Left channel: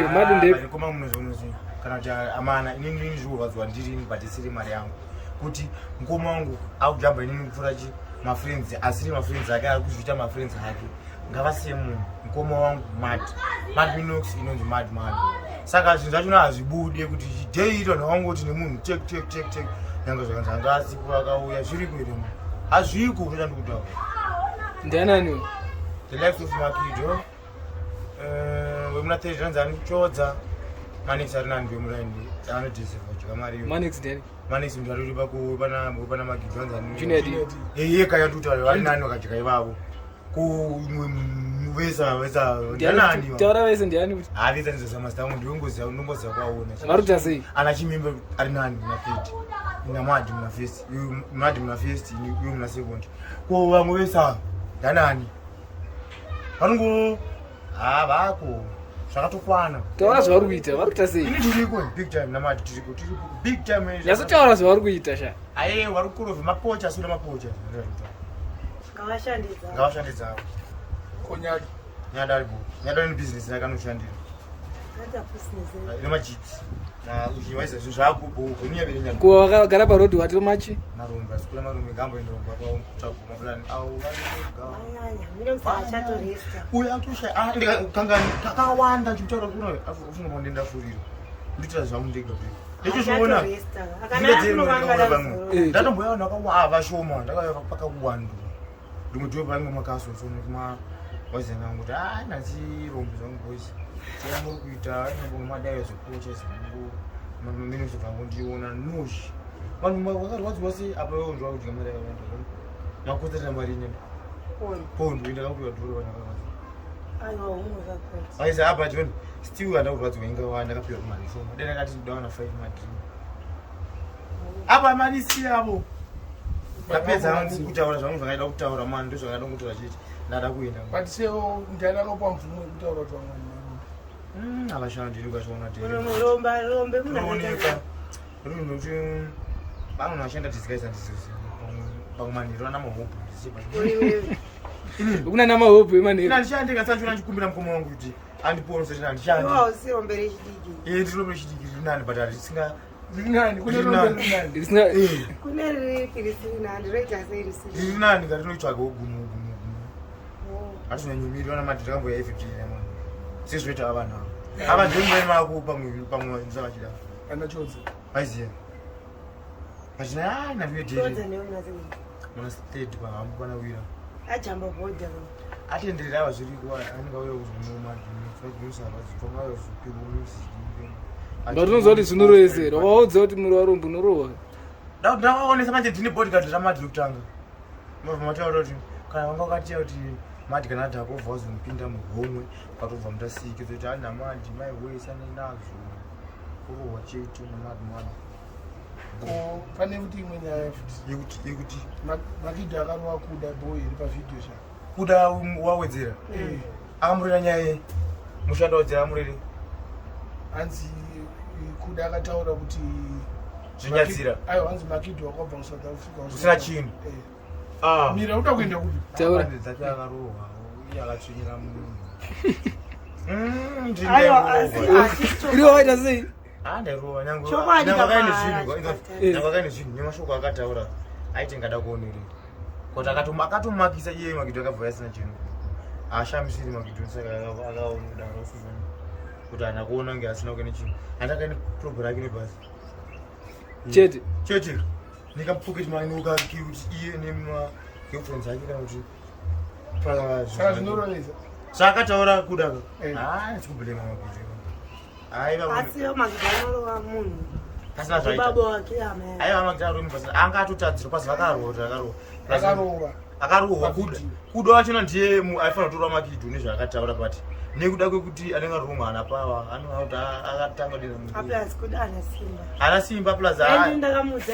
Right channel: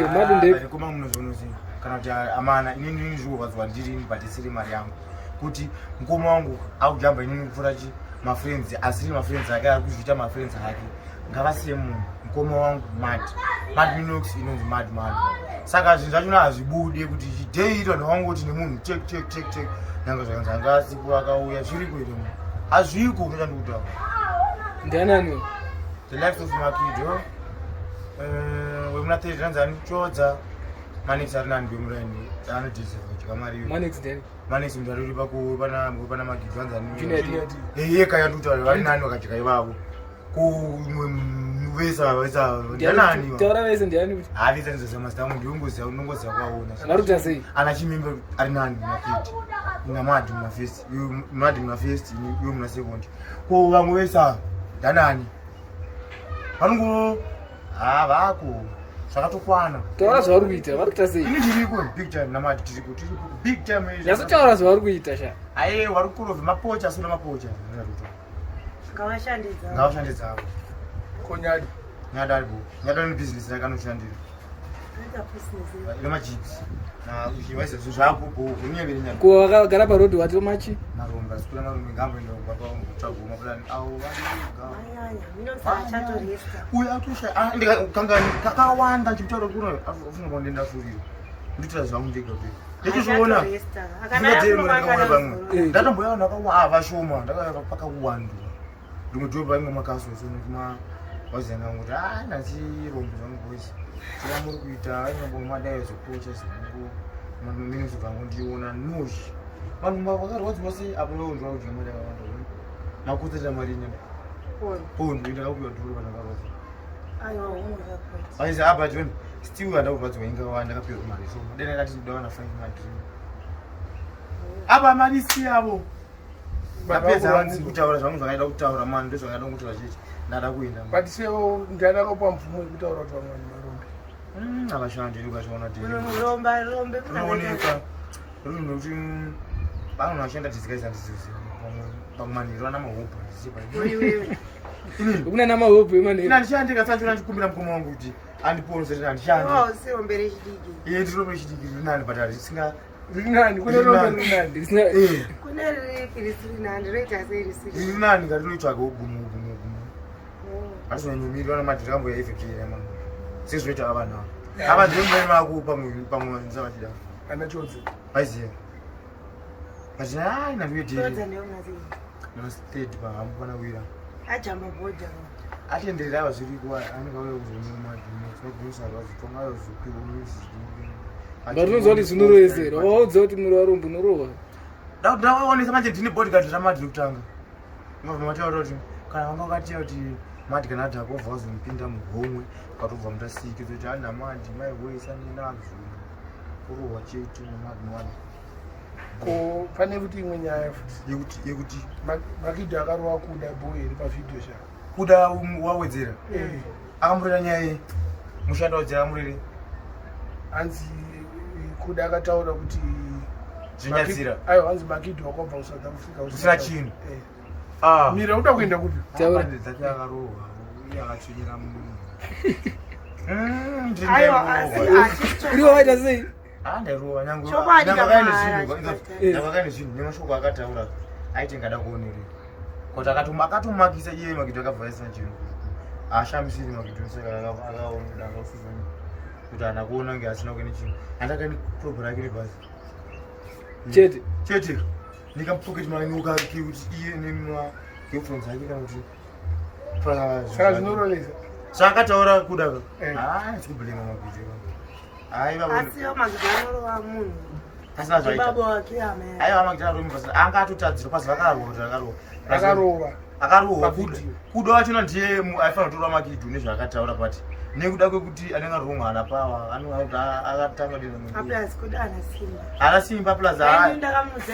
Mado ndep. Koma munozonozi kana kuti amana inini ndizvokazwa ndiri batisiri mari yangu kuti mukoma wangu akujamba inini kupfura chi mafriends asiri mafriends ake ari kuzvita mafriends ake ngavasiye munhu mukoma wangu Mad Minox inonzi Mad saka zvinhu zvacho hazvibude kuti chideito ndawangoti nemunhu check nyanga zvakanzanga siku akauya zviri kuita munhu hazviko unoita ndikutaura ndiananiwo the life of Makido wemuna tezvanzani Chodza Manix ari nani wemuraini anodhisefa chikamariyo Manix mndu ari uri pana Makido anzani yeka yatutaura vari nani wakajika ivavo kuvesa ndianani taura vese ndiani kuti havisa nzezamastamu ndinongoziva kwaona varuta sei ana chimimbe ari nani munafiti namadi munafesti madi munafesti iwe muna sekondi ko vamwe vesa ndanani vanongo vako zvakatokwana taura zvavari kuita vari kuita sei ini tiriko big time namadi tiriko big time nyasa taura zvavari kuita sha aiye vari kurovhe mapocha asina mapocha ngavashandidzavo ko Nyado aribo Nyado ine business yakanoshandira ine majidzi uchivaisa zvinhu zvako kunyevere ko wakagara parodhi wati machi marombe asikula marombe ngamboenda kumba kwavo kutsvagwa mapurani avo uyo atosha kanga kakawanda ndichitaura kuno afunga pandenda furiro nditira zvangu ndega ndechizviona ndingaona pamwe ndatomboyaona vashoma ndakauya pakawandwa ndimwe ndiwe painge makasosoni kuma wazana kuti nansi rombe zvangu bosi tia muri kuita nyambonge madayo zokocha zvingu mamini zvangu ndiona noshi vanhu vakarwadziwa sei apa ndwa kuti mari yakawanda makotera mari nyama pondo ndakakuya dhoro vanakarwadza aisi apa joni still handakurwadziwa ingawanda ndakapiwa kumari shoma dena kati ndawana 5 madream apa mari siyavo ndapedza kutaura zvangu zvakaida kutaura mani ndo zvakaida kuti vachiti ndada kuenda but seo ndiada kupa mvumo yekutaura kuti vamwe marombe avashandi ndikazviona rombe runhu kuti vanhu vashanda tizikaisa ndisizi pakumanhiro ana mahopu kuna namahopu emanhiro ndishandi ndikasachona ndikumbira mukoma wangu kuti andiponesa kuti handishandi rombe rechidiki ndirombe rechidiki riri nani but risinga riri nani kune rombe riri nani kune riripi risiri nani roita sei risiri riri nani ngatinoitsvaga gumu atizonyanyumiri vana madhirambo yaifipirira mani sezvinoita vanhu ava ava ndiomuvaimako pamwe ndisavachida ana Chodza vaiziva vachina nandoyedheri mana state pahambo pana wira ajamba bhodha atenderera ava zviriko anenge auya kuzonomadhinosarwazitongayozopiwa music ngatinoziva kuti zvinorovezera waudza kuti muri warombo unorohwa ndavaonesa manje ndine bodyguard ramadhi kutanga mabva mataura kuti kana vanga vakatiya kuti madhi kana adhakobva wazomupinda mugomwe ukatobva mutasiki kuti anda madhi maiwesaninazo kurohwa chete namadhi ko pane kuti imwe nyaya futi yekuti Makido akarohwa Kuda boy iri pavhidhiyo sha Kuda wawedzera akamurera nyaya mushando wadzera amurere hanzi Kuda akataura kuti zvinyatsira aiwa hanzi Makido wakabva kuSouth Africa usina chinhu mira uda kuenda kupi dzake akarohwa iye akatsvinyira munhu iriwo waita sei ndairohwa nyangwakaine zvinhu nemashoko akataura aiti ngada kuonerera kuti akatomakisa iye Makido akabva asina chinhu ashamisiri Makido saka akaonedaro kuti ana kuona nge asina kuene chinhu andakaine probha rake nebhasi chete nikapocket money ukati kuti iye nemwa girlfriend yake kana kuti saka zvinorovesa sakataura Kudaka chikubulenga Makido asiyo magidonoro munhu asina zvaita baba wake ama aiwa Makido aromba anga atotadzira pasi akarohwa Kuda wachona ndiye aifanira kutora Makido nezvaakataura pati nekuda kwekuti anenge arongwa ana pava anoauti akatanga dena ana simba plus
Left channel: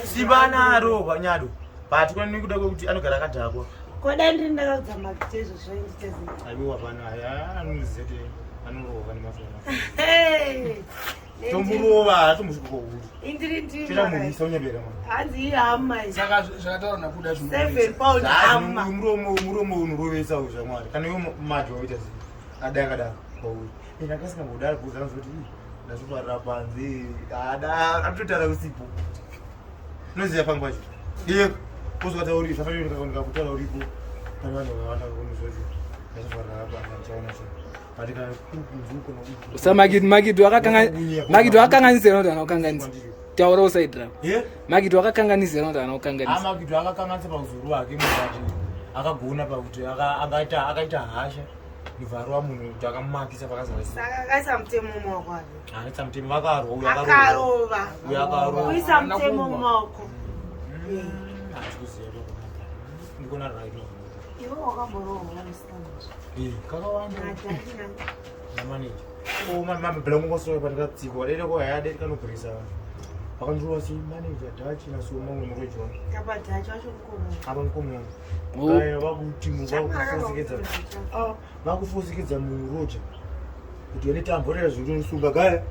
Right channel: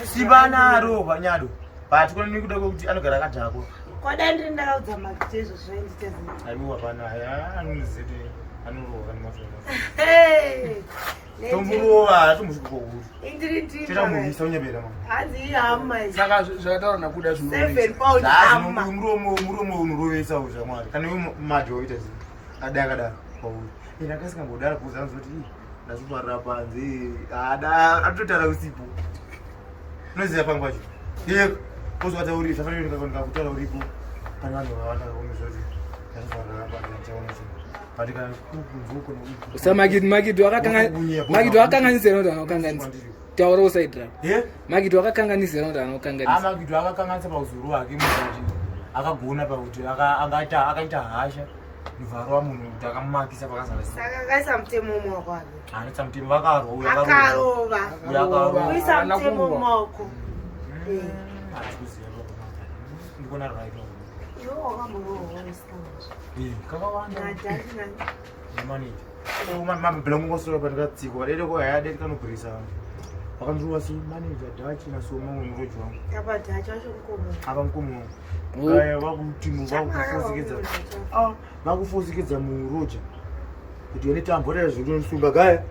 simba anaro panyado but kuna nekuda kwekuti anogara akadhakwa koda ndiri ndakaudza Makido zvoenditezi aiwa pana anozeti anorohwa nemafona tomburova tomusvikokuri indiri ndiri cheta muvisa unyebera mama hanzi hama saka zvakataura nakuda 7 pounds hama muromo unorovesa uzvamwari kana iwe madhi waita zii adakadaro kwauri ende akasingamboda kuuza nzoti ndazviparira panze atotara usipo unoziva pangu pacho iye kozovatauriri safanire ndikakutaura uripo pane vanhu vawanda kakomezoti ndazviparira panze amuchaona cho but kana kukunzukona Usamakise wakakanganisira kuti anokanganisa taura usaidira Makise wakakanganisira kuti anokanganisa Makise akakanganisa pauzuru hwake muzati akagona pakuti akaita hasha muvharo wamunhu kuti akamumakisa Saka kaisa mutemo mumaoko anetsa mutemo vakarwa uyo akarova kuisa mutemo mumaoko hatikuziva kokomaka ndikona rwaitwa iwe wakambonowa usikamazvi kakawanda namaneja mabhilangu ngosova pandikatsikwa dede kohayade tikanobhirisa vanhu vakandiruva semaneja dhachi nasoma umwe muroji wangu apa mukomo wangu aya vakutimu vakufosekedza muroja kuti yone tambotera zvindonisunga gaya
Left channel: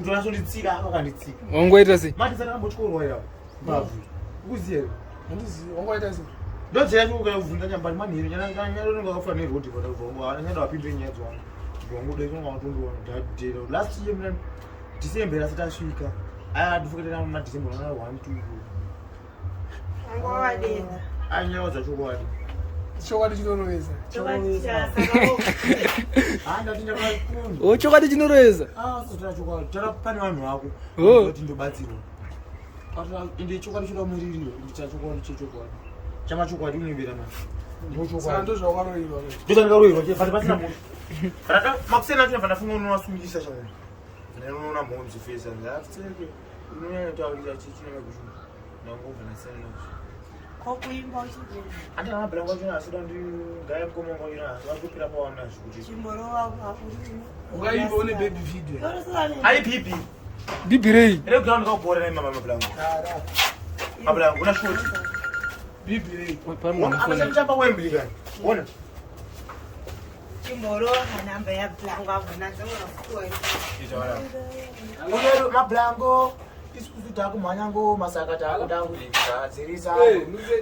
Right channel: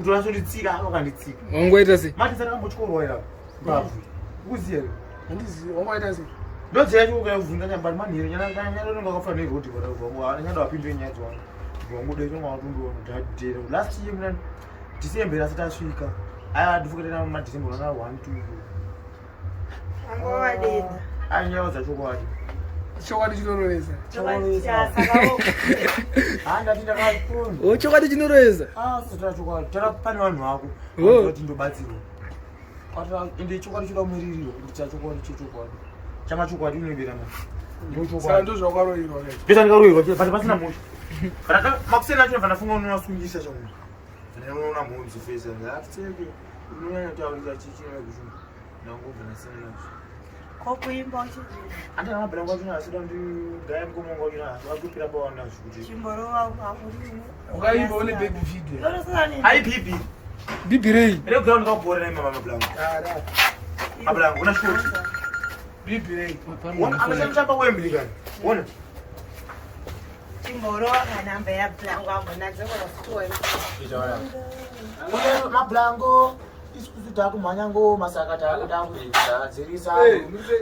ndonasonditsika vakanditsika wangoita sei mati dzatakambotyorwa ira mbabvu ukuziya here wangoita sei ndodzera chikokuvhunza nyambari manhiri nyadononga akafura nerodi nyada wapindire nyaya dzwangu wangodaitonga watondoona dhadhera last year muna December asati asvika adifukatena madecember ana 1 2 anyawa dzachokwadi chokwadi chinorovesa ndati ndakapona chokwadi chinorovesa sizotara chokwadi tara pane vanhu vako kuti ndobatsirwa ende chokwadi choda muririro ndita chokwadi chechokwadi chamachokwadi unobera mani ndozvakaroiva ndozvandikaroiva but pasina moto makusena acho vandafunga unoasungisa chamunhu vananoona mhonzi fesa atiteke unonyanya kutaurira chichinaakushuma nangobvanasena nazvo kokuimba uchibvira andana mabhilangu achona asida ndigaya mukomongo achona asi watopira pawanazvo kuti chimborova ukaimba une baby video ai bibi bibirei ere ground kaubhora naye mama mabhilangu una shoti bibirei amachamba Wembley kani wona chimborova kanamba yabhilangu avonadzongorafutiwa une mabhilangu isikuti takumhanyango masaka takuda kuzvigadzirisa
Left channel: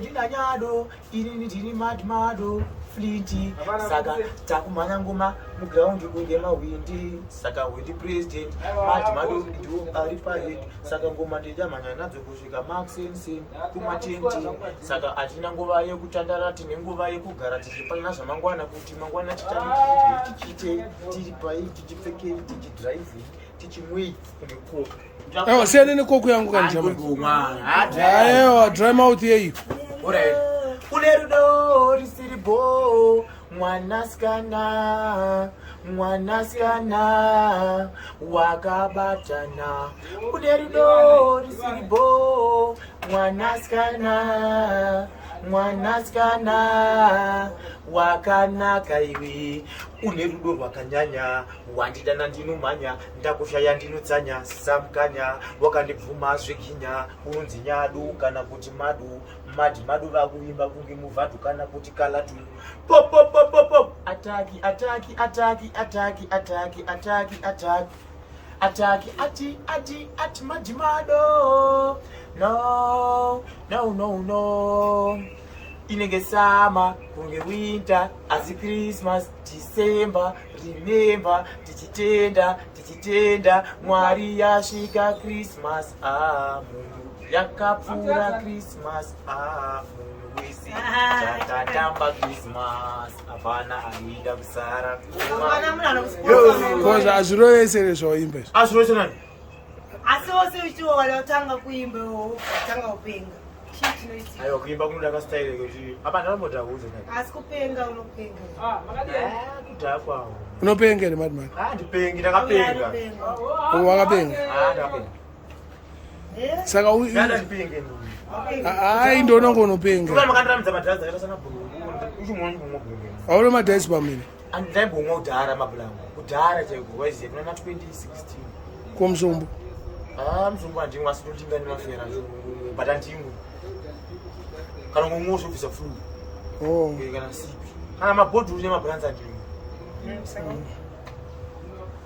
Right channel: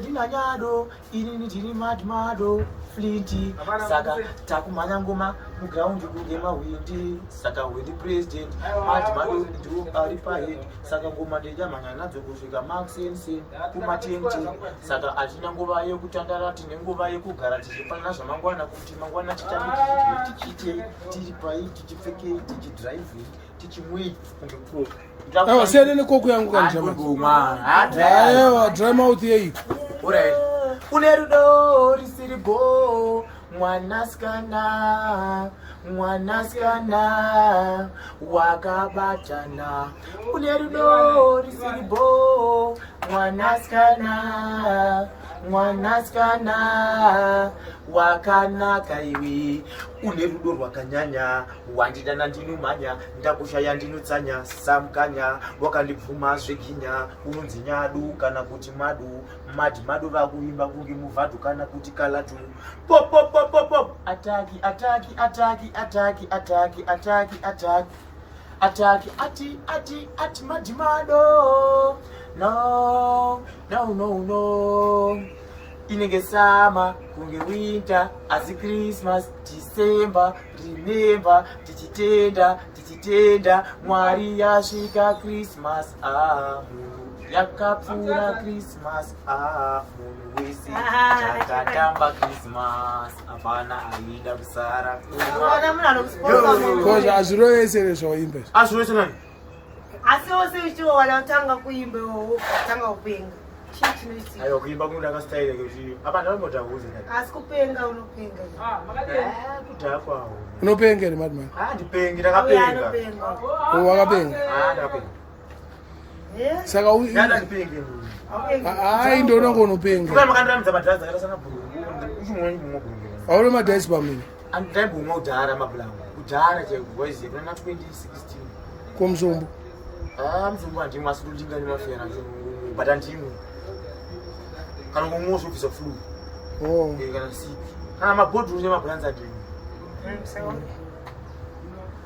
ndina Nyado inini ndiri Mado Flinty saka takumhanya ngoma mugraundi kunge mahwindi saka windi president Mado ndiwo ari pahead saka ngoma ndichamhanya nadzo kusvika maxensin kumatenti saka hatina nguva yekutandara tine nguva yekugara tichipanana zvamangwana kuti mangwana tichange tichiite tiri pai tichipfekei tichidriving tichimwei kunge koko aiwa siyane nekoko yangu kanaiwa dry mouth yeyo une rudo risiribo mwanasikana wakabatana une rudo risiribo mwanasikana wakanaka iwe une rudo rwakanyanya wandidana ndinumhanya ndakushaya ndinotsanya samukanya wakandibvuma zveginya unonzi Nyado kana kuti Mado vakuimba kunge muvhadhu kana kuti kalatu pop ataki ati Mado no inenge sama kunge winter asi Christmas December remember tichitenda Mwari yasvika Christmas munhu yakapfuura Christmas munhu wese takatamba Christmas hapana aida kusara koza azvirovesere zvawaimba azvirovese nani asi wose uchiwana utanga kuimba utanga kupenga aiwa kuimba kunoda kastaile kuti apa ndakambotakuze kani asi kupenga unopenga kudhaya kwawo unopenga here madimani ndipengi ndakapenga wakapenga ndakapenga saka ndipenge ai ndonongo unopenga kuna makandiramidza madhazi akaita sana bhurungu uchimwa chimbomwa bhurungu aune madhazi pamene andaimbomwa kudhara mabhulangu kudhara chaiko Hwezha kuna 2016 komsumbu mzungu handimwe asi tondinga nemafera but handimwe kana ngomwe zvobvisa flu kana sick kana mabhodhuru nemabhulanzi handimwe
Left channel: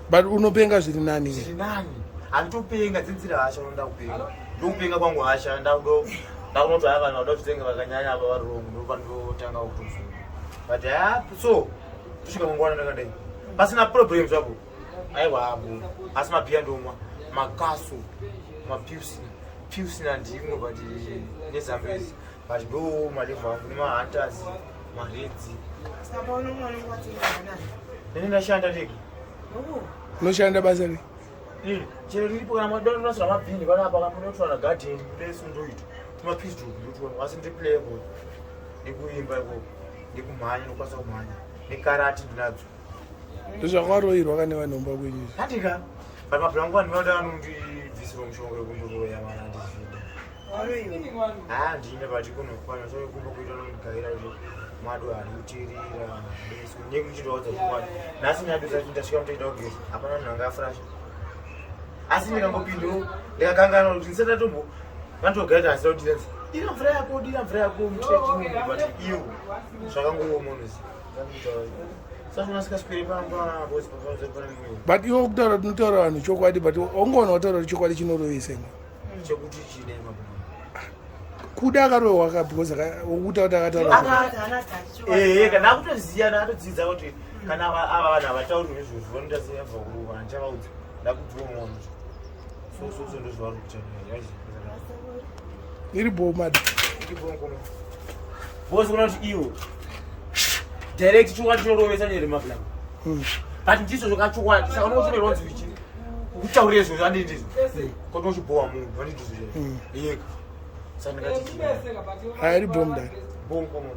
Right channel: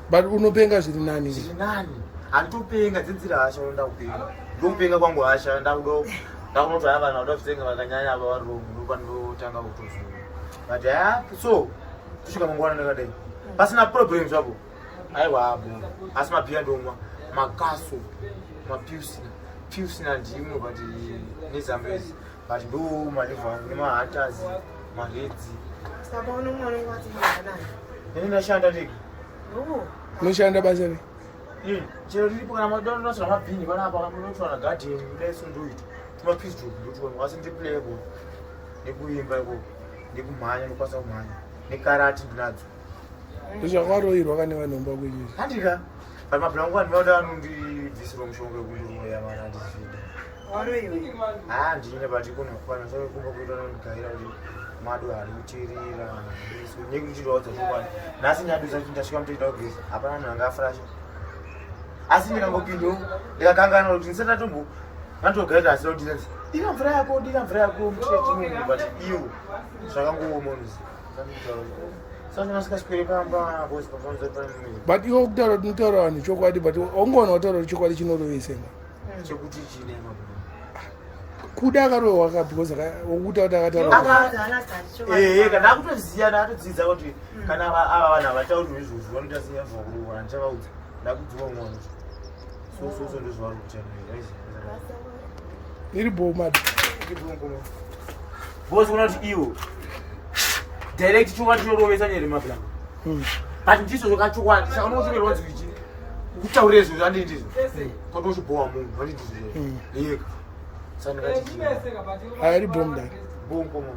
but unopenga zviri nani zviri nani handitopenga dzenzira hasha unoda kupenga ndokupenga kwangu hasha ndakunoti haya vanhu vada kutenga vakanyanya ava vari rongo ndopandotanga kutozura but so tusvika mangwana ndakadai pasina problem zvavo aiwa abo asi mabhiya ndomwa makaso mapiusi nandimwe but nezambezi but ndo malevha angu nemahunters maredzi saka unomwana ngwatinganani nene ndashanda ndege unoshanda basa rei chero riripo kana madonosira mabhini panapa kamunotwana garden kudaiso ndoita timapistol ndotwa asi ndiplayable ndikuimba ikoko ndikumhanya ndokwanisa kumhanya nekarati ndinadzo ndozvakwaroirwa kane vanhomba kwenyu handika but mabhira angu andinoda anondibvisira mushonga yekundoroya mana andizvida waroiwe ndine but ikonikumba kuita nondigaira kuti Mado arikutirira beso nekuchindwaudza chokwadi nhasi Nyado zacho ndasvika mutoita kugeza hapana munhu anga afurasha asi ndikangopindawo ndikakangana kuti ndisatatombo vandogaita asira kuti dira mvura yako mutrechimumbu but iyo zvakangowomonozi saka nasikaswere pamba bosi papanzori pane mimwe but iwo kutaura kuti unotaura vanhu chokwadi but aungaona wataura kuti chokwadi chinorovese chekuti chine mabuna Kuda akarohwa waka because wokuta kuti akataura kana akutoziya ndakatodzidza kuti kana ava vanhu havatauri nezvozvo vanoita seyabva kurohwa ndichavaudza ndakudziwa mwana so ndozvavari kuchana iri bomad bosi kuna kuti iwo direct chokwadi chinorovesa nyere mabhilama but ndizvo zvakachokwadi saka unokotomerwanzi ichi kutaurire zvozvo andindizo kuti uchibowa munhu andindizo yeka saka ndakati hairi bomdari bomo